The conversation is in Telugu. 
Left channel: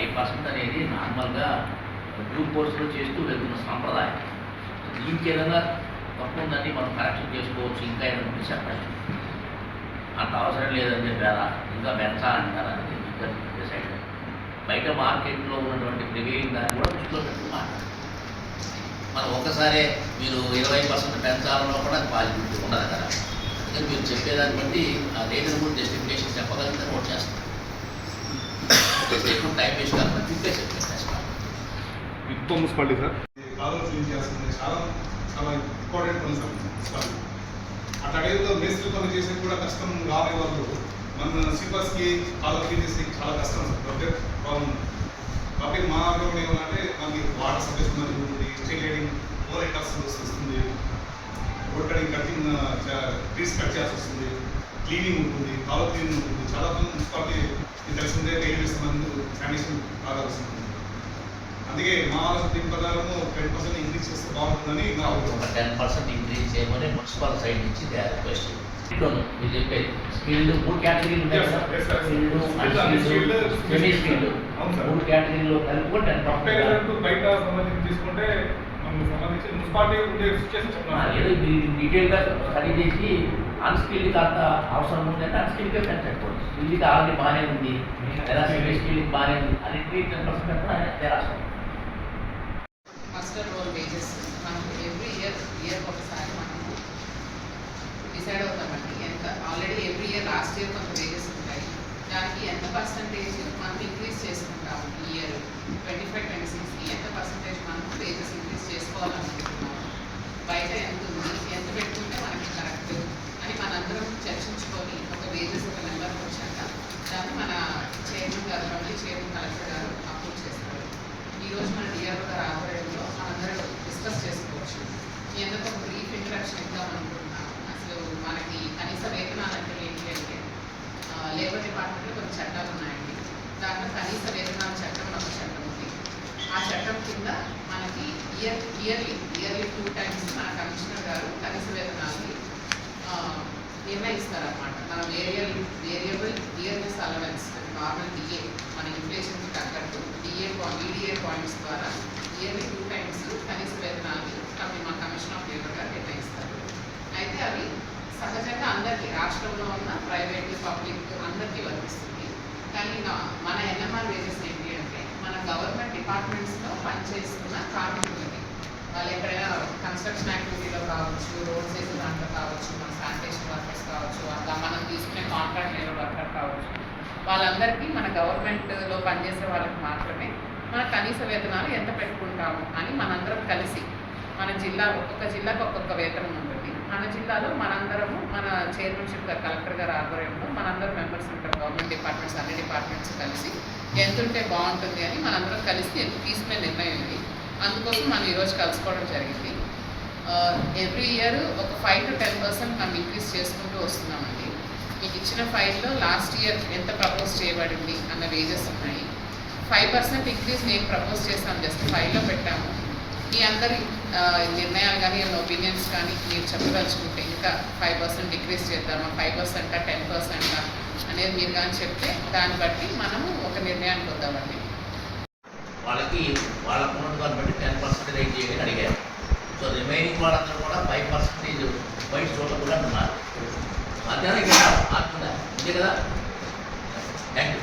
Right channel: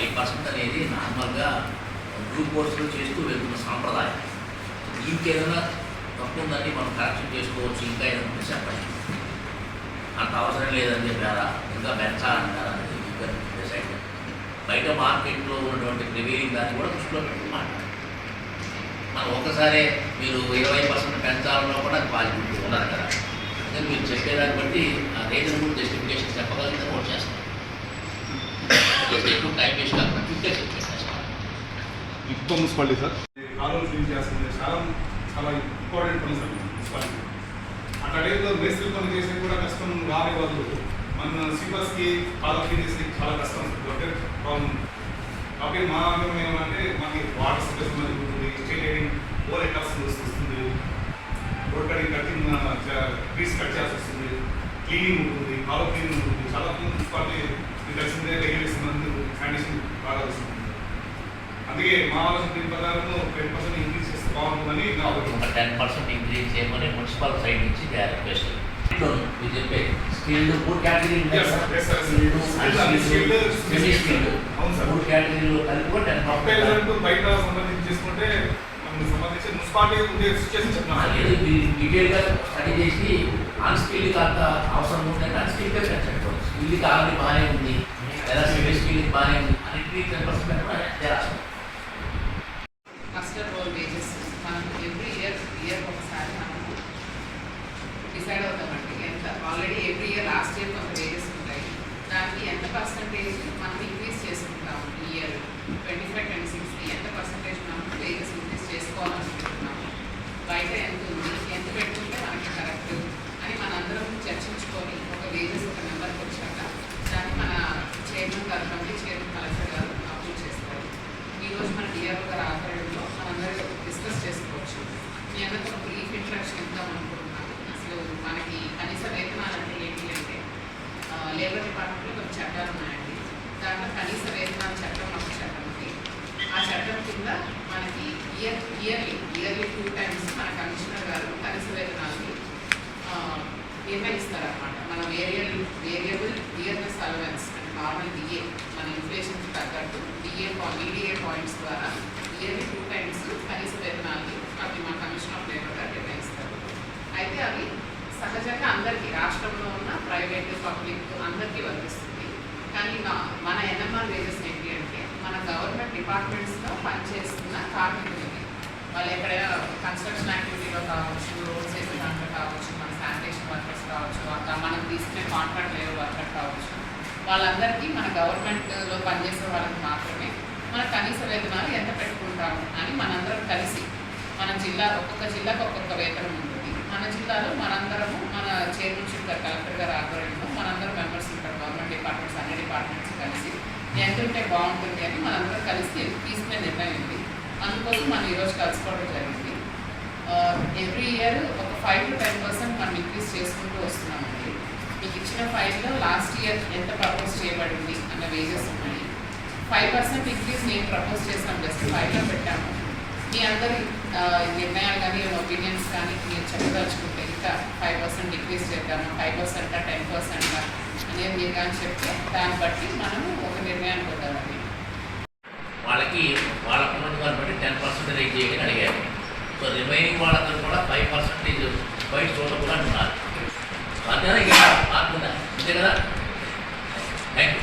5% అనేది నార్మల్గా డ్యూ కోర్సులో చేస్తూ వెళ్తున్న సాంప్రదాయం. దీనికి ఏదైనా తప్పు ఉందండి, మనం కరెక్షన్ చేసుకోవచ్చు, ఇంకా ఏదైనా ఉంటే చెప్పండి. అంత అవసరం లేదని చెప్పారా, ఇంకా పెంచాలంటారా అనేది డిసైడ్. బయట మార్కెట్లో ఉన్నటువంటి ప్రివైలింగ్ దాన్ని కూడా దృష్టిలో పెట్టి మాట్లాడాలి. మనం ఒక్కసారే మీరు 20% పెంచాలన్నా కూడా అది పాజిబిలిటీ ఉండదు కదా. అందుకని మీరు చెప్పేదాన్ని బట్టి ఆ రీజనబుల్ జస్టిఫికేషన్ చెప్పగలిగితే నోట్ చేస్తాం. ఎక్కువ టైం వేస్ట్ కాకుండా క్విక్గా చెప్పేస్తాం. ఇంకో మున్సిపాలిటీ సార్ కాలువలు క్లీన్ చేస్తుంది, చాలా చాలా ఇంపార్టెంట్ పని సార్ మున్సిపాలిటీ. ఆ టైంలో మేస్త్రి పని చేసేది కూడా కష్టం రాని వాళ్ళు మన సీపర్స్కి కాలువ క్లీన్ చేసేది చాలా కష్టం సార్. కాబట్టి మా ఆగ్రహం ఏమంటే మాకు వాటర్ సప్లై మంచిగా ఉంటుంది, state lighting over head cost వస్తుంది, road cutting cutting trees cut చేయాల్సి వస్తుంది, క్లీనింగ్ ఉంటుంది, కాలువ క్లీనింగ్ ఉంటుంది. చాలా మంది మున్సిపాలిటీ తెలిసిందే రైల్వే సంబంధం శానిటేషన్ బాగా వస్తుంది. అందుకే మా ఆలోచన దీని ప్రకారం 10% ఇంక్రీజ్ చేస్తే బాగుంటుందని నా ఒక 10% ఇంక్రీజ్ చేయమని మున్సిపల్ సైడ్ నుంచి రిక్వెస్ట్. మీరు చెప్పే స్కిల్డ్ 3 కేటగిరీలు ఉన్నాయి సార్. స్కిల్డ్, సెమీ స్కిల్డ్ 3 కేటగిరీలో కలిపి 10% బయట సంబంధించి తీసుకుంటే మనకు సంబంధించి మున్సిపాలిటీ ఉండే సిచ్యువేషన్ చెప్తున్నాను. డీటెయిల్గా స్టడీ చేసి అన్స్కిల్డ్కి అంత అవసరం ఉందంటే అన్స్కిల్డ్గా పెంచకపోవచ్చు. స్కిల్డ్కి ఆల్రెడీ బాగానే ఉంది లేదా సెమీ స్కిల్డ్కి బాగానే ఉంది అన్నింటినీ 10% కూడా రాష్ట్రం. మాస్టర్ రోల్ వేజెస్ మనం ఎవ్రీ ఇయర్ ఒకసారి మనము డిసైడ్ అవుతామండి. ఎంత already every year last year కొంత వేజెస్ ఉంటాయి, దానికి ఎంత పర్సంటేజ్ మనం ఇంక్రీజ్ చేసుకుంటాము. ఈ ఇయర్ 25-26కి ఎంత పర్సంటేజ్ మనం వేజెస్ ఇంక్రీజ్ చేసుకోవాలనుకుంటున్నాము, బయట ఎంత ఉంది, ఎంత పెట్టుకుంటే మనకి కరెక్ట్ అని మనందరం చర్చించుకొని ఒక వేజెస్ ఒక నెంబర్కి వచ్చాక దాన్ని మన చైర్మన్ గారు, అసెంబ్లీ చైర్మన్ కలెక్టర్ గారు అప్రూవ్ చేస్తారు. ఈరోజు మన డిఆర్ఓ గారు ఆధ్వర్యంలో మనందరం డిస్కస్ చేసుకోవచ్చు. నేను ఒక బ్రీఫ్ ఇంట్రడక్షన్ ఇద్దాం అనుకుంటున్నాను. అసలు మనకి కనీస వేతనాలు అంటే ఏంటి అంటే లేబర్ డిపార్ట్మెంట్లో కొన్ని చట్టాలు ఉన్నాయండి. దాంట్లో కనీస వేతనాల చట్టం ఒక చట్టం ఉంది. ఆ చట్టం కింద మనకి ఇయర్లీ 2 times మన కమిషనర్ గారు కనీస వేతనాన్ని నిర్ణయిస్తారన్నమాట. మనం వేరియబుల్ ఇయర్నెస్ అలవెన్స్ అంటే నార్మల్ డిఏ మన ఇన్ఫ్లేషన్కి తగ్గట్టు ఈడిఏ పాయింట్స్ ద్వారా ఇయర్లీ 2 times కనీస వేతనాన్ని అవి మా కమిషన్ ఆఫ్ లేబర్ గారు నిర్ణయిస్తారు. అయితే అవి సహజంగా అందరికీ రాష్ట్రంలో ఉన్న ప్రైవేట్ పబ్లిక్ అందరికీ వర్తిస్తుంది. కానీ మన ఎన్ఎంఆర్ వేజెస్ ఏంటి అంటే మన గవర్నమెంట్ డిపార్ట్మెంట్స్లో పనిచేస్తున్న కార్మికులకి, వాళ్ళు ఎక్కడైనా కన్స్ట్రక్షన్ యాక్టివిటీలో కావచ్చు, రోడ్స్ వేసే దాంట్లో కావచ్చు, మన శానిటేషన్ వర్కర్స్ కావచ్చు, మనం తీసుకునే కాంట్రాక్ట్ లేబర్ వర్కర్ కావచ్చు, వాళ్ళందరికీ మన గవర్నమెంట్లో పనిచేసే వాళ్ళకి మాత్రమే మన కనీస వేతనాలు ఎంత పెట్టుకుంటాము అని మనందరం కలిసి, మన జిల్లా ఒక్కొక్క జిల్లాకు ఒక్కొక్క వేతనం ఉంటుంది. మన జిల్లాలో మనందరము మన చైర్మన్షిప్ గారు కలెక్టర్ గారు ఆధ్వర్యంలో మనందరం మెంబర్స్ ఉంటారు. గవర్నమెంట్ డిపార్ట్మెంట్స్ అన్ని డిపార్ట్మెంట్స్ కలిసి ఎంత ఉంటే బాగుంటుంది అని మనందరం కలిసి తీసుకునే నిర్ణయం ఇది. అందుకోసం మనం ఈరోజు కలుసుకోవడం జరిగింది. ఎవ్రీ ఇయర్ ఒక 5-10% మనం ఇంక్రీజ్ చేసుకుంటూ వస్తున్నామండి. మీకు ఇచ్చిన ఫైల్లో లాస్ట్ ఇయర్ ఎంత ప్రపోజ్ చేయబడింది అన్న వేజెస్ ఉన్నాయి. 5% ఇంక్రీజ్ నేను ప్రపోజ్ చేస్తాను, జస్ట్ ఫైల్లో పెట్టాము. మీ అందరి నిర్ణయాలు కానీ ఒపీనియన్స్ కానీ మీరు చెప్పదలుచుకుంటే ఇంకా 5% డిక్రీజ్ చేద్దామా, 5% 10% అనేది మీరు కానీ చెప్తే దాన్ని బట్టి మనము ఒక నిర్ణయానికి వద్దామండి. వాళ్ళకి వాళ్ళ ప్రభుత్వాన్ని బట్టి 10% రేట్ చేయని అడిగారు. సో రిమైనింగ్ వాళ్ళందరూ కూడా 5% బయట చూడకుండా ఉన్నారు. అంతేనా? ఇంకా అంతే కదా. Thank you.